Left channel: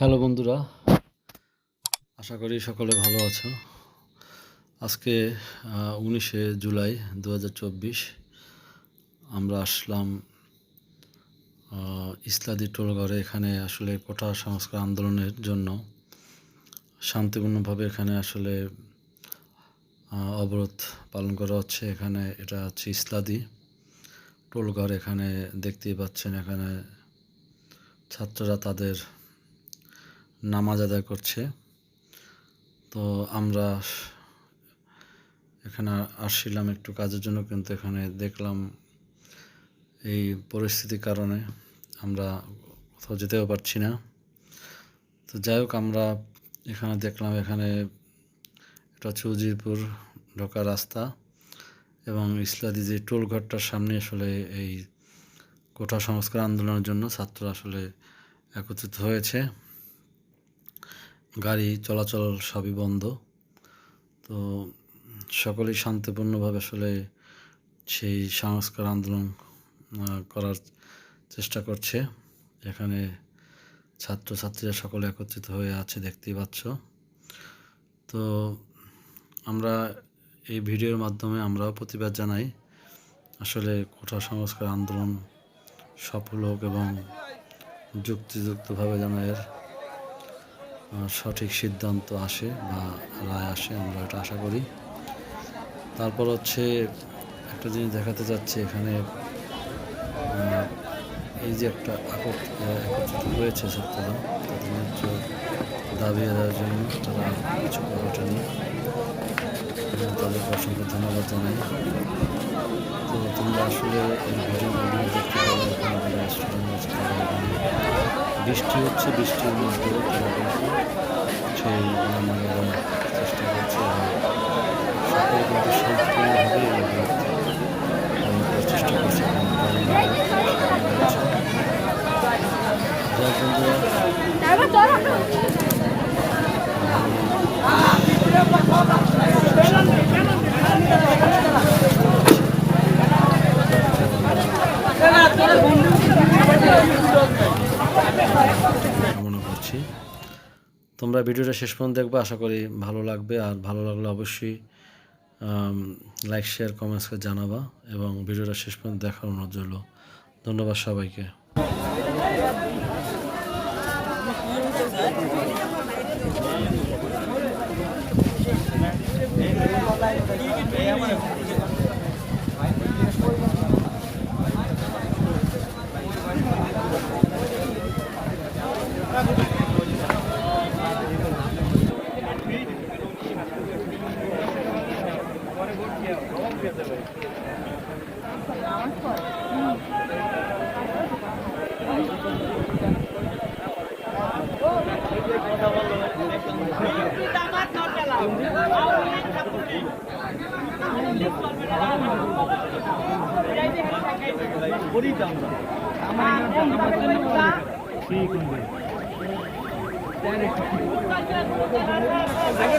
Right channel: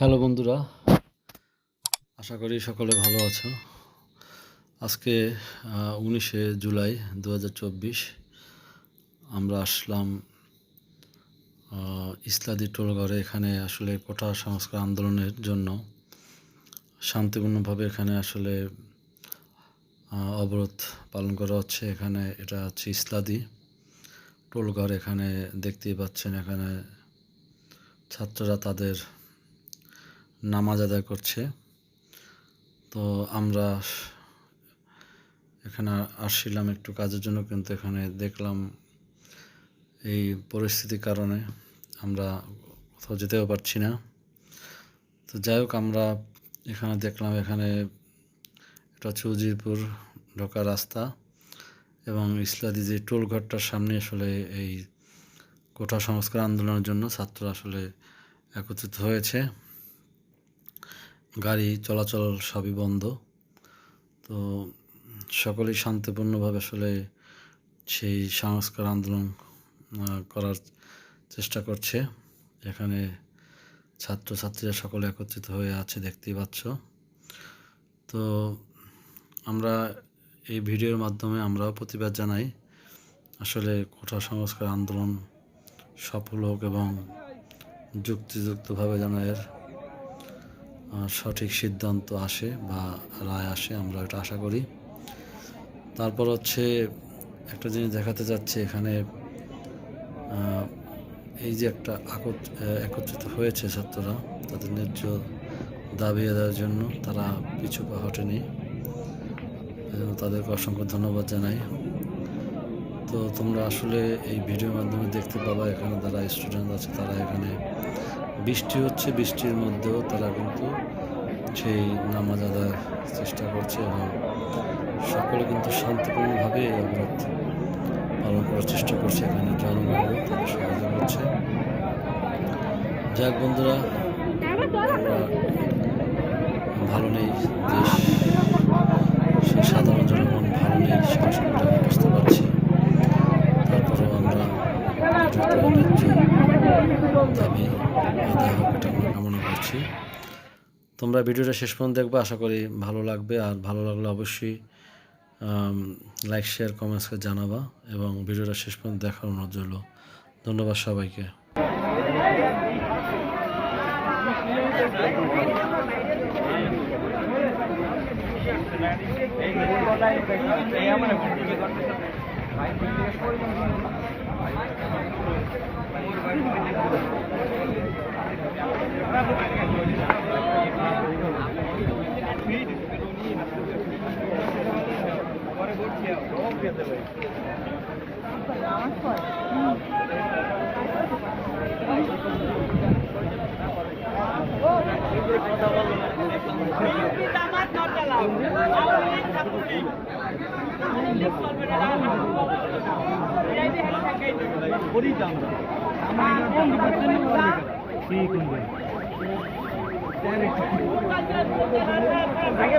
Hello বন্ধুরা, আশা করি সকলে ভালো আছো। আজকে উনিশে জুলাই দু হাজার চব্বিশ আমরা আসলাম ইসলাদি টোলঘরে এখানে আসলে কোটা সংস্কার আন্দোলনের জন্য শান্তিপূর্ণভাবে এখানে আসলে অবরোধ পালন করা হচ্ছে। এখানে এটা হচ্ছে ইসলাদি টোলঘর এখানে দেখতেই পাচ্ছেন, এখানে ছাত্ররা তাদের নামাজ আদায় করছে। তো আমরা এখানে আসছিলাম একটু কাজের জন্য, কিন্তু এখানে দেখলাম এই পরিস্থিতির কারণে আমরা কোথাও যেতেও পারছি না। তো যাই হোক, আমরা এখানে দেখলাম এখানে এটা হচ্ছে উজিরপুর ঢোকা রাস্তা এবং ইসলাদি যে টোল ঘরটার সামনে আসলে এই কোটা সংস্কার আন্দোলনের জন্য ছাত্ররা আসলে একত্রিত হয়েছে। গাড়ি চলাচল সবই বন্ধ। তো সকলেই শান্তিপূর্ণভাবে আসলে সেই সংস্কার আন্দোলন করার চেষ্টা করছে। এখানে ছাত্রছাত্রীরা সকলে একত্রিত হয়ে আছে, দেখতেই পাচ্ছ। তো আমরা এই ভিডিওর মাধ্যমে আমরাও প্রতিবাদ জানাই। আসলে কোঠা সংস্কার আন্দোলন সফল হোক এবং যুক্তিযুক্তভাবে যেন এর সঠিক সিদ্ধান্ত আসে বা রায় আসে, আমরা এটা আশা করি। তারপর হচ্ছে একটা জিনিস দেখাতে যাচ্ছে এখানে এই যে একটা একত্রিত হয়েছে ছাত্ররা, তাদের ন্যায্য দাবি আদায়ের জন্য তারা কিছু হটেনি। তাদেরকে অসংখ্য ধন্যবাদ জানাই। তো তোমরা আসলে এই ভিডিওর মাধ্যমে দেখতে পাবা এখানে যারা স্টুডেন্ট আছে তারা এখানে বৃষ্টি হচ্ছে বৃষ্টির মধ্যেও তারা কিন্তু সেই নামাজ আদায় চেষ্টা করছে এবং সকলে কিন্তু শান্তিপূর্ণভাবে এই অবরোধ পালন করার চেষ্টা করছে জনগণ হচ্ছে যাক বন্ধুরা ভালো নেই। দিয়েছি তোমরা ভিডিওটা শেষ পর্যন্ত দেখবে, আশা করি ভালো লাগবে। আর ভালো লাগলে অবশ্যই লাইক শেয়ার কমেন্টস করে জানাবা। এবং ভিডিওটা শেষ পর্যন্ত দেখার অনুরোধ রইল। ধন্যবাদ সবাইকে। ঠিক আগে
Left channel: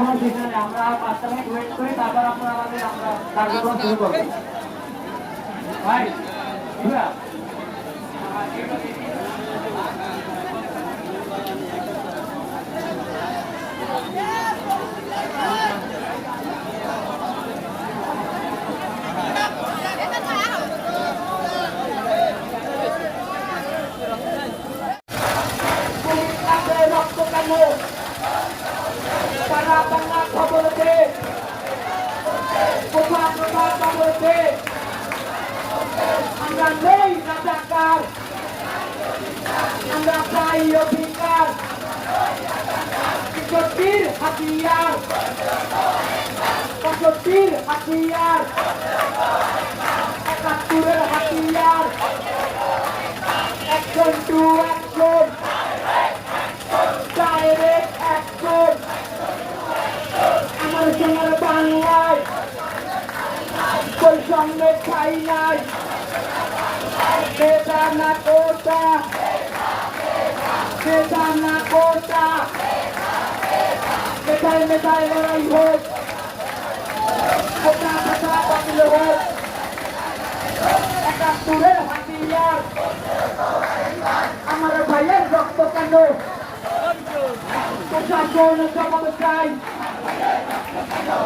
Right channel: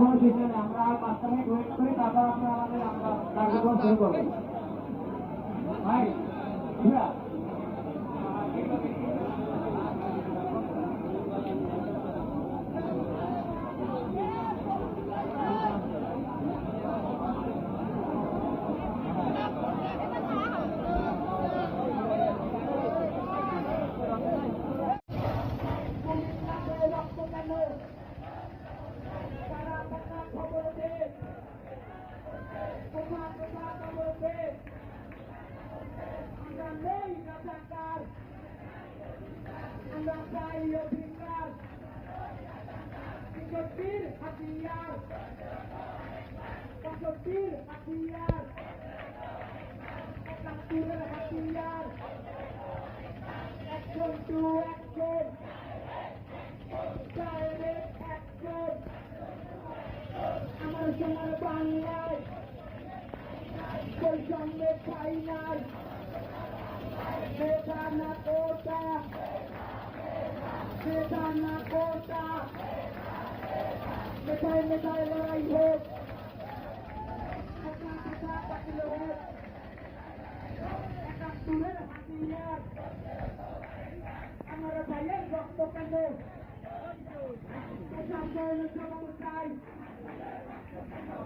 এখনও শেষ হয়নি, আমরা পাঁচটা মিনিট ওয়েট করি তারপর আপনারা আমাদের আমরা কার্যক্রম শুরু করব ভাই বুঝলা? কুমিল্লাতে রক্ত কেন সারা বাংলা খবরতে কোথা কোথা খবরতে আমরা নেই রাজাকার। আমরা চাই অধিকার। পঁয়ষট্টির হাতিয়ার। পঁয়ষট্টির হাতিয়ার। একাত্তরের হাতিয়ার। Action to action direct action আমার সোনার বাংলায় বৈষম্যের ঠাই নাই বেদা না কোটা বেদা না কোটা মেটায় মেটায় লড়াই হোক কোটা কোটা বাতিল হোক একাত্তরের হাতিয়ার আমার ভাইয়ের রক্ত কেন প্রশাসন জবাব চাই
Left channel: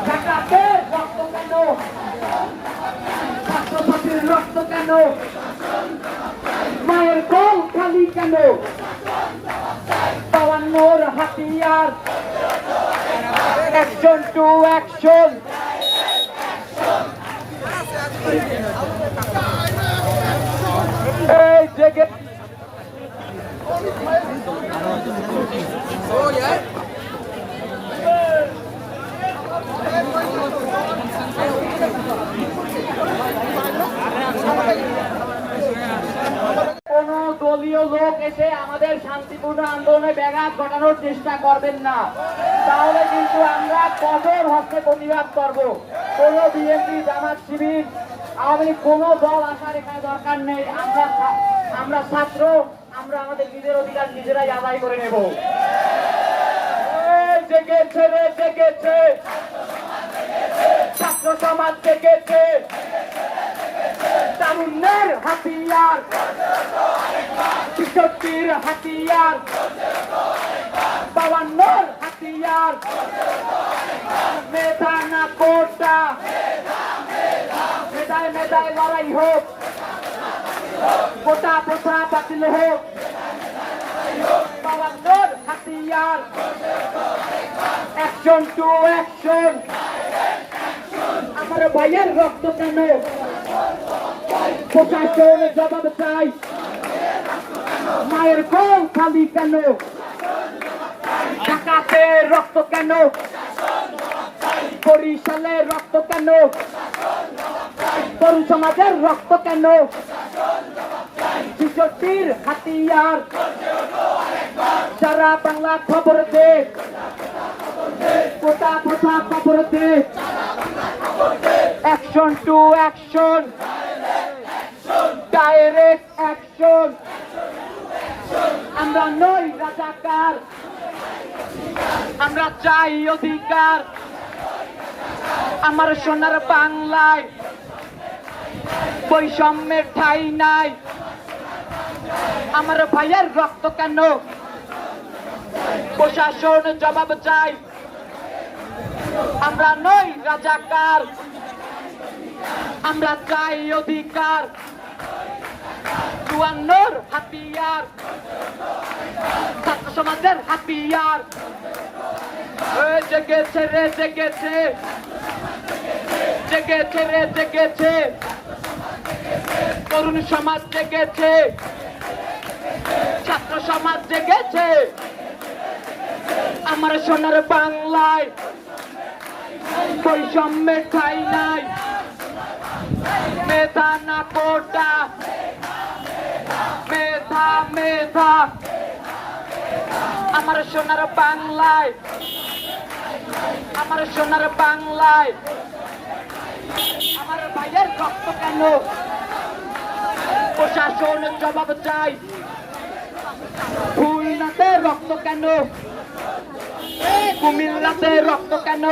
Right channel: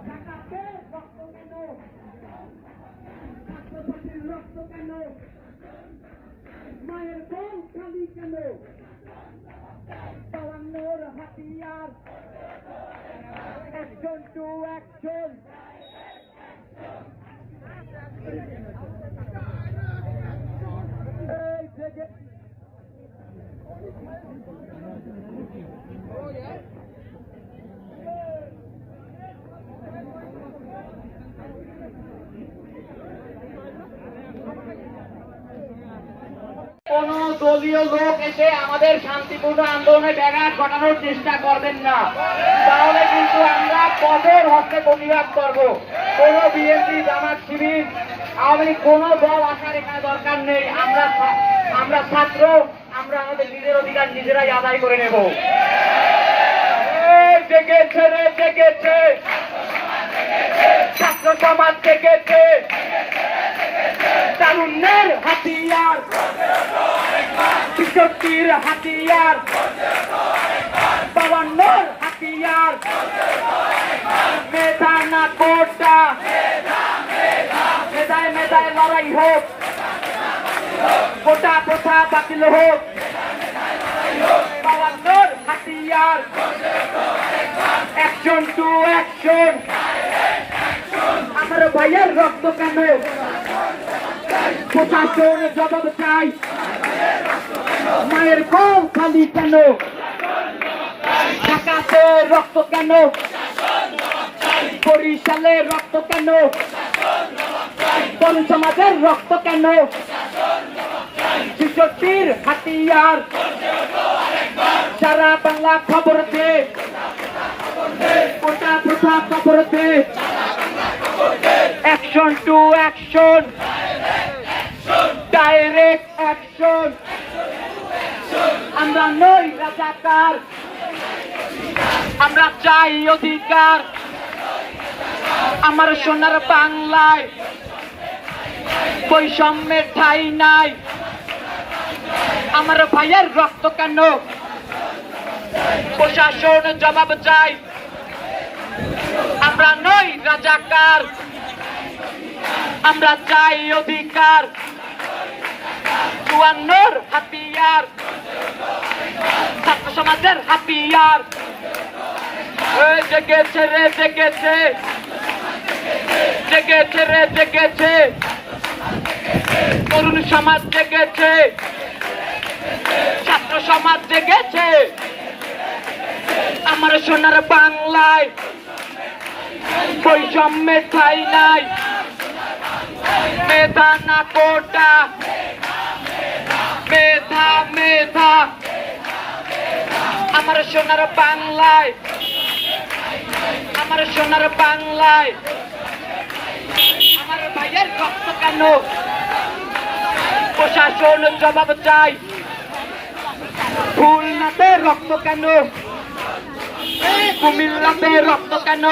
ঢাকাতে রক্ত কেন ছাত্রছাত্রীর রক্ত কেন মায়ের কোল খালি কেন পাওয়ানোর হাতিয়ার। Action to action. এই জেগে কোন দলীয় লোক এসে আমাদের শান্তিপূর্ণ আন্দোলনে ব্যাঘাত ঘটানোর চেষ্টা করবেন না। তাহলে কিন্তু আমরা কঠোর হস্তে প্রতিবাদ করব। কোন বিএনপি, জামাত, শিবির লীগ, কোনো দল আসার এখানে দরকার নেই। আমরা আমরা ছাত্র, আমরা আমাদের নিজের অধিকার নিজেরাই আদায় করে নেব। জেগেছে রে জেগেছে ছাত্র সমাজ জেগেছে তারুণ্যের হাতিয়ার। কিশোরটির হাতিয়ার। বাবান্নর হাতিয়ার। মেধা না কোটা। মেধায় মেধায় লড়াই হোক। কোটা কোটা বাতিল হোক। বাবান্নর হাতিয়ার। অ্যাকশন টু অ্যাকশন আমার ভাইয়ের রক্ত কেন? প্রশাসন জবাব চাই মায়ের কোল খালি কেন ঢাকাতে রক্ত কেন বরিশালে রক্ত কেন তরুণ সমাজের রক্ত কেন শিশুটির হাতিয়ার সারা বাংলা খবর দে কোটা কোথা খবর দে action to action direct action আমরা নই রাজাকার। আমরা চাই অধিকার। আমার সোনার বাংলায় বৈষম্যের ঠাই নাই। আমার ভাইয়ের রক্ত কেন? প্রশাসন জবাব চাই। আমরা নই রাজাকার। আমরা চাই অধিকার। চুয়ান্নর হাতিয়ার ছাত্র সমাজের হাতিয়ার এই জেগেছে রে জেগেছে জেগেছে রে জেগেছে তরুণ সমাজ জেগেছে ছাত্র সমাজ জেগেছে আমার সোনার বাংলায় বৈষম্যের ঠাই নাই মেধা না কোটা মেধা মেধা। আমার সোনার বাংলায়, আমার সোনার বাংলায়। আমার ভাইয়ের রক্ত কেন? প্রশাসন জবাব চাই। খুলনাতে রক্ত কেন? কুমিল্লাতে রক্ত কেন?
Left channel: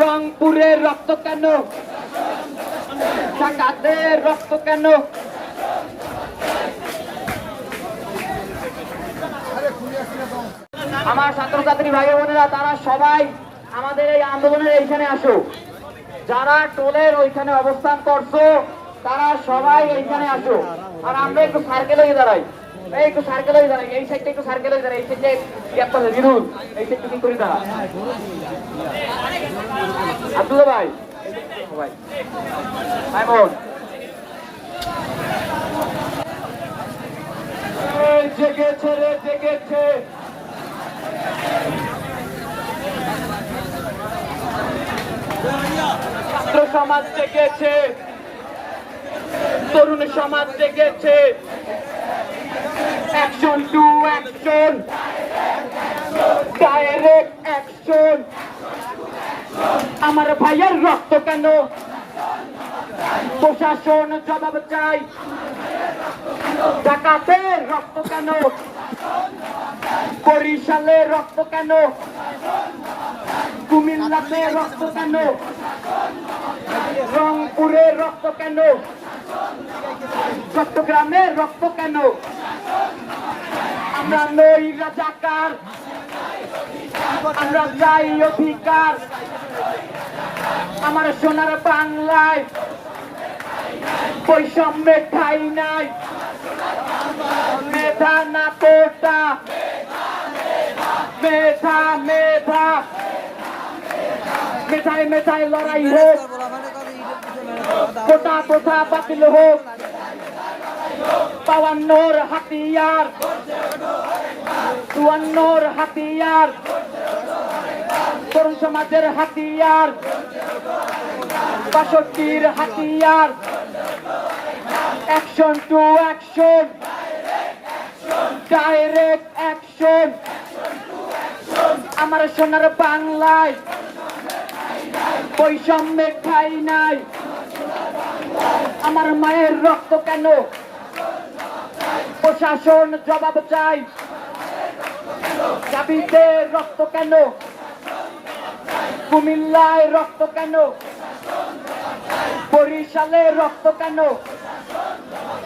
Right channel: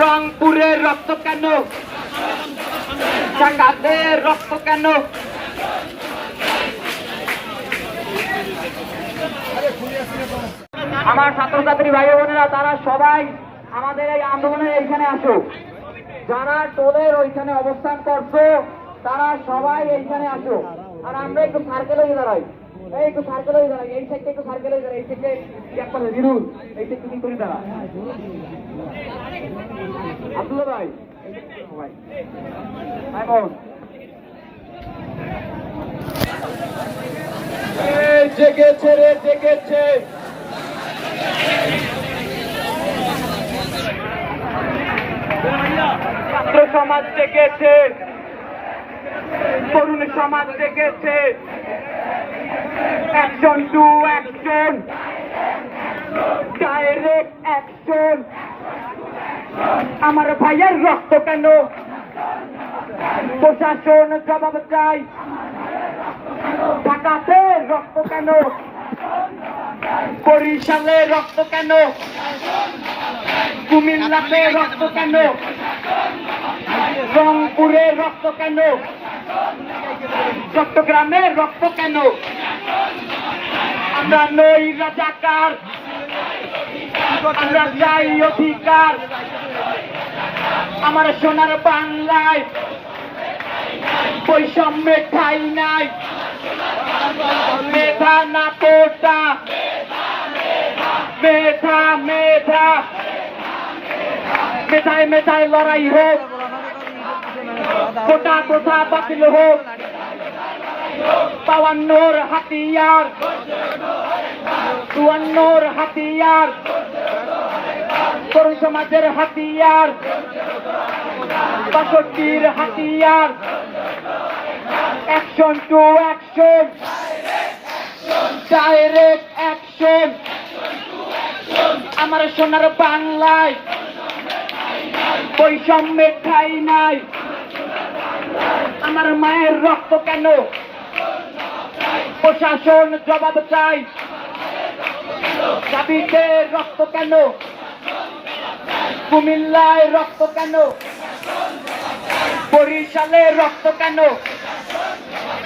রংপুরে রক্ত কেন? ঢাকাতে রক্ত কেন? আমার ছাত্রছাত্রী ভাই বোনেরা, তারা সবাই আমাদের এই আন্দোলনের এইখানে আসো যারা টোলের ওইখানে অবস্থান করছ, তারা সবাই এইখানে আসো আর আমরা একটু সার্কেল হয়ে দাঁড়াই। এই জেগেছে রে, জেগেছে। ছাত্র সমাজ জেগেছে তরুণ সমাজ জেগেছে action to action direct action আমার ভাইয়ের রক্ত কেন? প্রশাসন জবাব চাই। ঢাকাতে রক্ত কেন? বরিশালে রক্ত কেন? কুমিল্লাতে রক্ত কেন? রংপুরে রক্ত কেন? চট্টগ্রামে রক্ত কেন? আমরা নই রাজাকার। আমরা চাই অধিকার। আমার সোনার বাংলায় বৈষম্যে ঠাই নাই। মেধা না কোটা মেধা মেধা, মেধায় মেধায় লড়াই হোক। কোটা কোথা বাতিল হোক। বাউান্নর হাতিয়ার, চুয়ান্নর হাতিয়ার, তরুণ সমাজের হাতিয়ার, বাষট্টির হাতিয়ার action to action direct action আমার সোনার বাংলায় বৈষম্যের ঠাই নাই। আমার মায়ের রক্ত কেন? প্রশাসন জবাব চাই। দাবিতে রক্ত কেন? কুমিল্লায় রক্ত কেন? বরিশালে রক্ত কেন?